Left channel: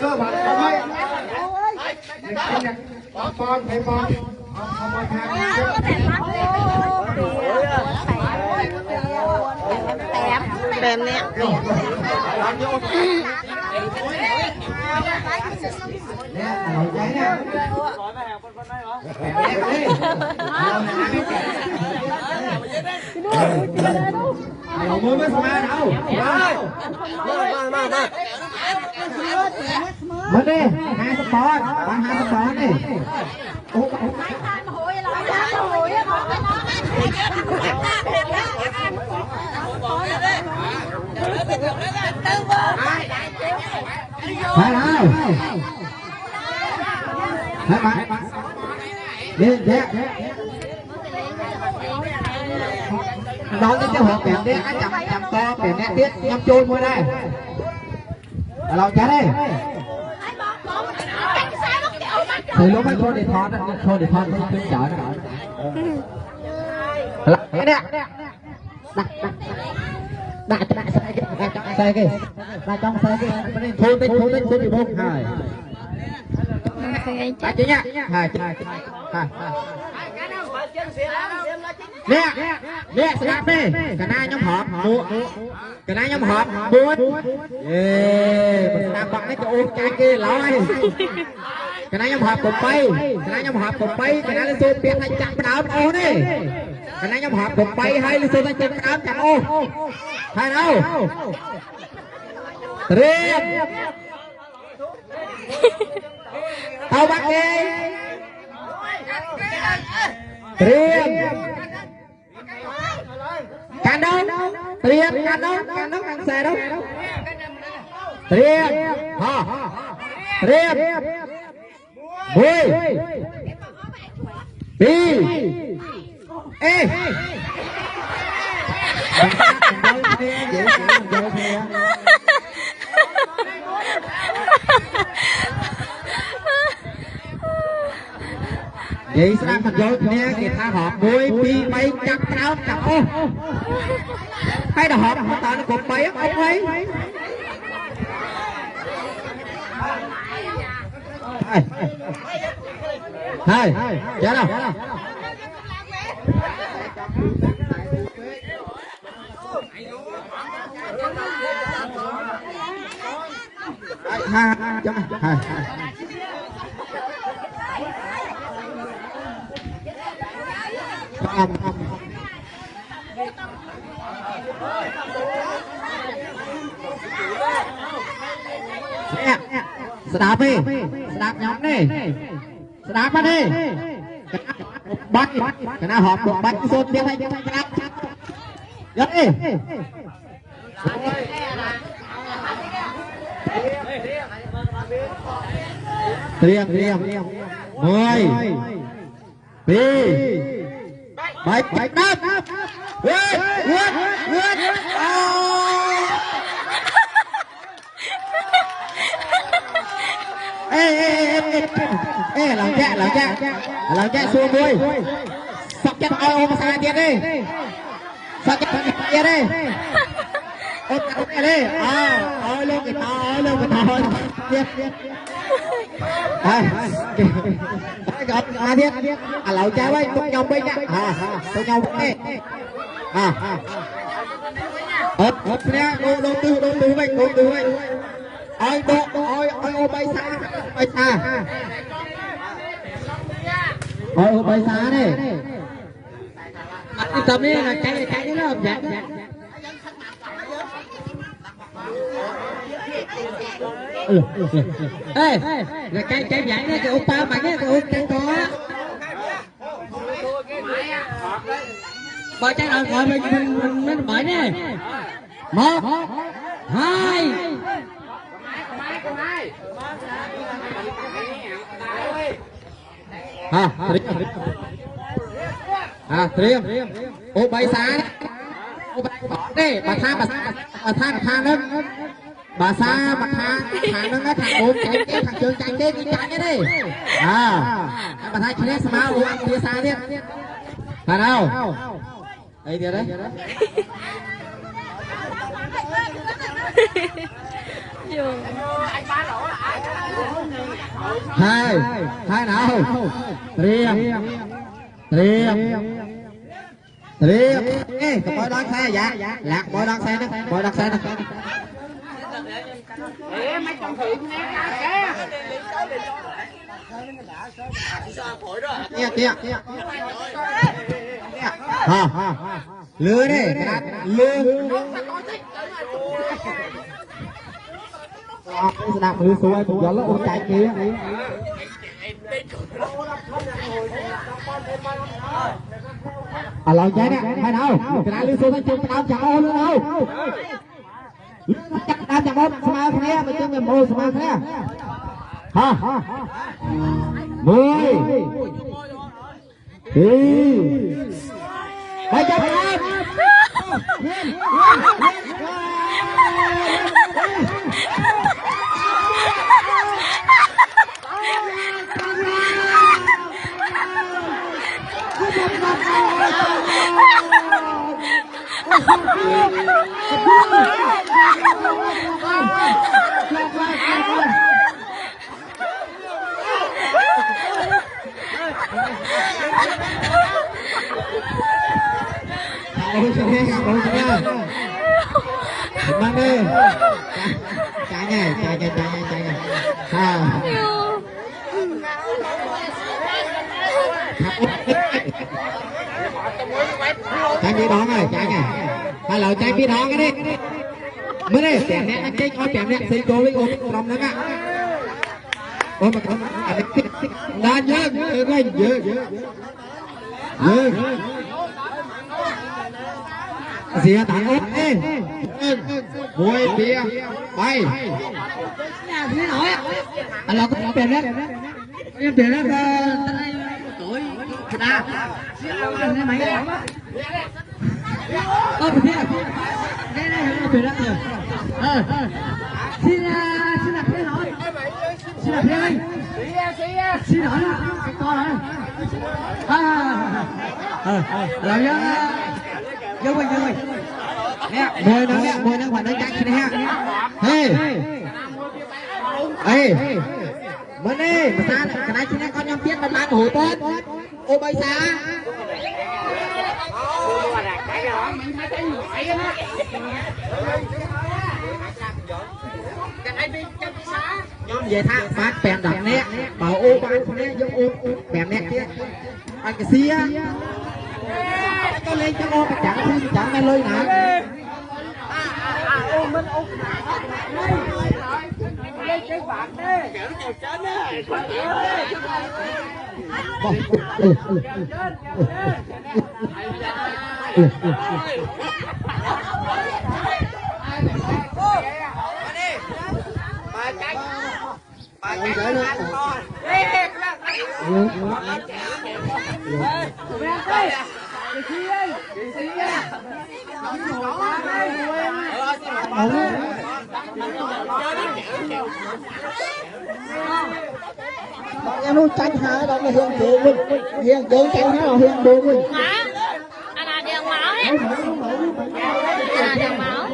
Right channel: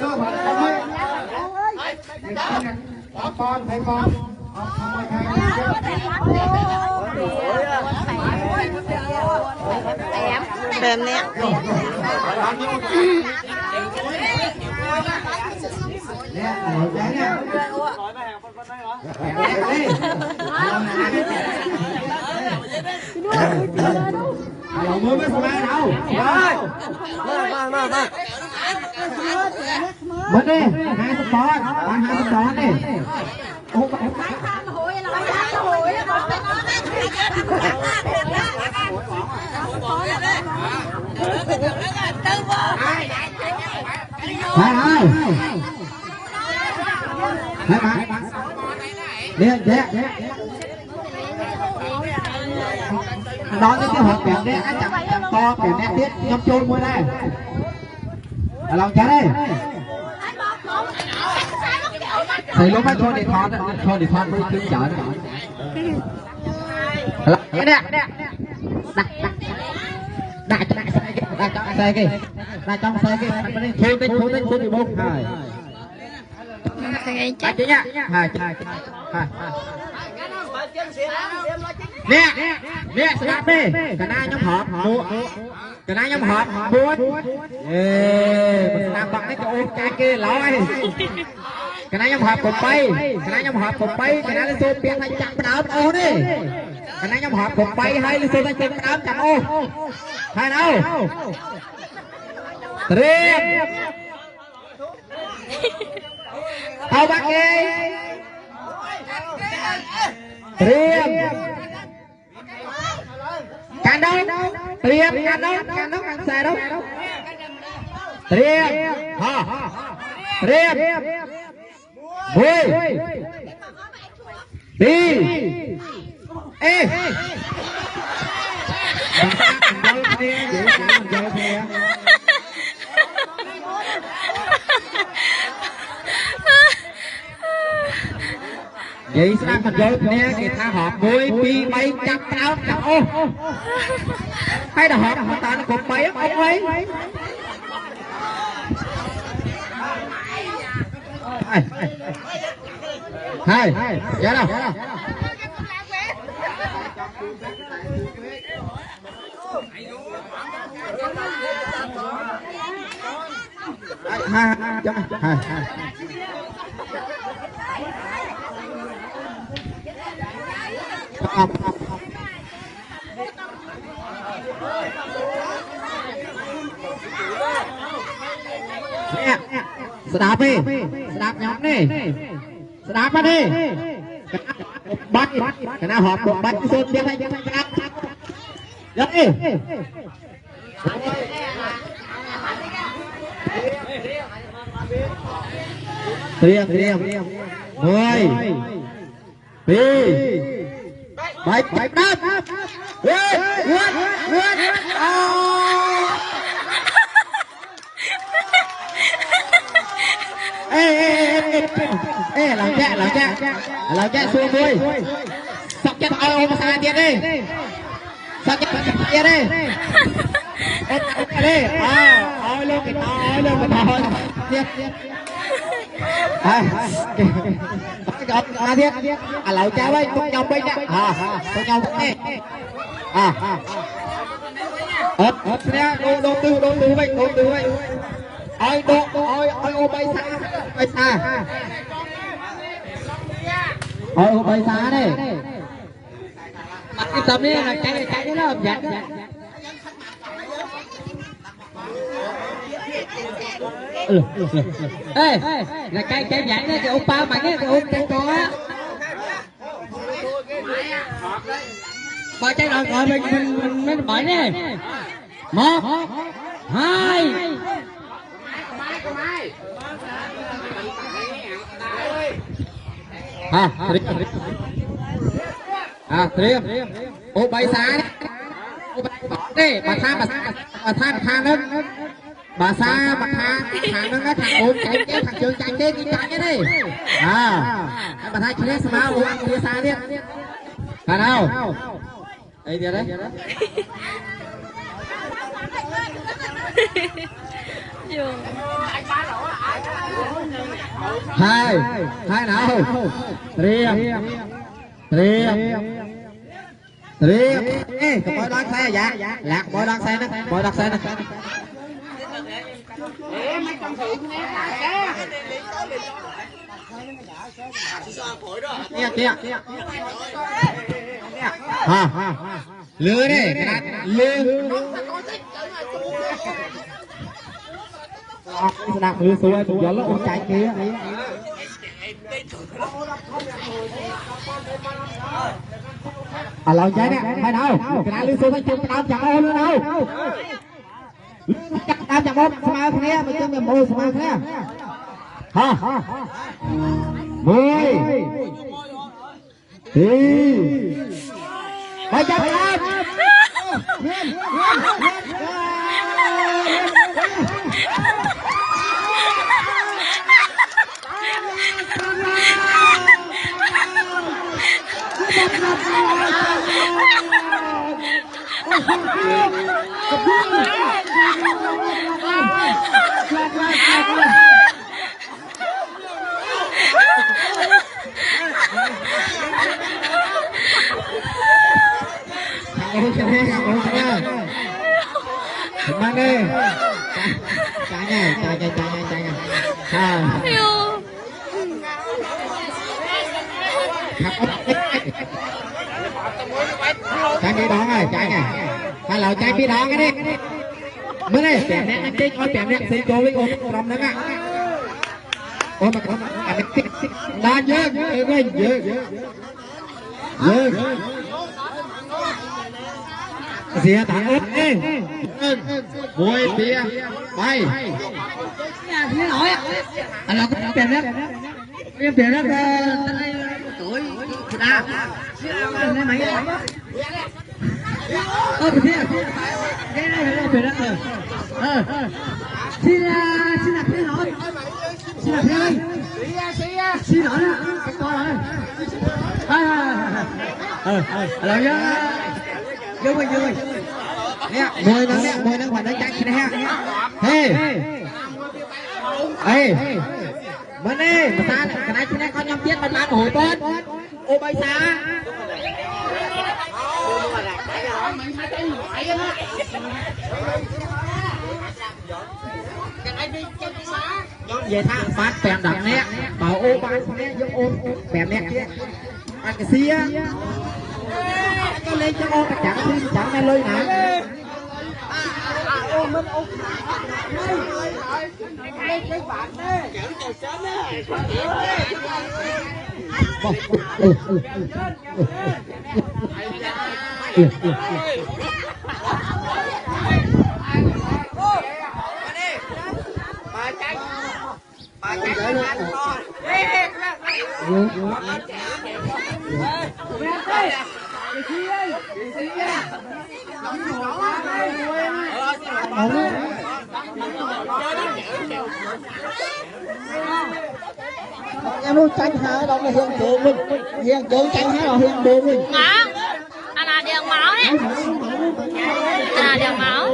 ก็มาทำไมปอนให้ปอนเติมเนี่ยเนี่ยเราใจเนี่ยเรามือไม่สบายเรามาดิหาสปอนหาสปอนดิโอ้เนี่ยแจ๊น้องจะหอบแบบนี้จับต่อแบบนี้ติดยำโจนมือได้เราจะได้ใส่ลงมาโชว์ในท้องโชว์ในท้องเพื่อขึ้นเจ๋อนะเนี่ยน่าใส่กี่น่าจ้องใส่กี่โชว์เป็นอยู่บนใช่จัดเนี่ยเนี่ยสลับไปกระนาย้ำหอมบูกระนาย้ำหอมบูสลับบังนี่จะโอ้ใจเกล้เลยกระนาย้ำหอมกดไปกระนาย้ำหอมกดไปกระนาเสือเปลี่ยนให้จับปราบเอานี่กระนาย้ำหอมกดไปให้เสือจับปราบจับเอาให้เราเตรียมเอาบักเองเตรียมกันđâuเตรียมกันđâuกันใส่đâuเตรียมเตรียมบุยปีเอ๊vậy sẽ thành vô nè thì ta họp 10 pi bay chặt áo chặt ô hay là họp ta nó cột bay ông ấy hai dạ này sedap nih, sedap nyok nih, sedap apa nih? Bak, kena hot bak sốt dia hay sedap. Dắt đi. Riêng, 10, pi, baik, đáp. Vượt. Ê, làm chạy xuống đi. Sắp chắc ai xa tiết đi. Sắp chắc tiết đi. Ê, đi. Ôi lên cái tiết. Ai tiết. Lão chạy đây, tôi nhau bên nè. Tôi nhau bên nè. Ốp nè, đô tư vậy. Ôi bay xa. Bay xa đây. Cái tầm này là cái đó là dặn. Ê, là cái dặn này, cái ông ba mày cái ông cái con á. Ba cái nào ở bên mình mỏi nè. 1, 2. Triêm. Ô bay xa đi. Bà xa thang lên. Bà xa bà thang nó thằng ôm chạy cái thằng trường chạy cái đi chạy cái đi. Bà thang kia xa máu ăn kia xa đi. Phải đâu? Đây kìa đấy. hai hai nào riêng cái bó đón xe dạ lạc bó đón xe đó mấy trong thượng nghe kia ha lừa đi lừa đặt lừa xuống tụi giờ lúc chạy kia lòng cháy nè hay đâu cái nào lừa xuống nó chịu cái nào chẳng ai luôn đâu tao chẳng có sao thế mà tôi mồ sao thế ha mười hai trăm Senang ni. Tanya. Trái bí đón rồi, trái này. Hay là trái bí đón cái đi. Mới đi, bẻm nè, anh chơi coi bẻm nè, xí cô lấy ôm cái rồng đấy mà. Ôm mà không, đá nhớ, Dìa thằng ớt đi Mùi tìa Bay Dìa nổi Là có tiền đó Em tiền đó Tuổi À Dìa mày đó Ơ kìa Cái này là tiền đó rồi Xin là thế rồi Xin là thế ơi Xin hỏi Cái con rồi Rồi vô nè mười năm phải đánh cái này ê bên đây người ta cái này chúng ta nhắm biết mình bán hồi tốt ô bay xa nhóm về thang phát bèn đập nè bảo ô bán nè giống ôm bèn nè kia anh cái xia con lên cho ô chẳng nghe lôi nè ô mình ô lên cái bạn đấy kéo cầu chân đấy bà chạy ăn con Em tranh hả đâu mà hiền tượng tranh thế mà hiền buồn đi. Má, anh là đèn máu ấy. Anh là đèn máu.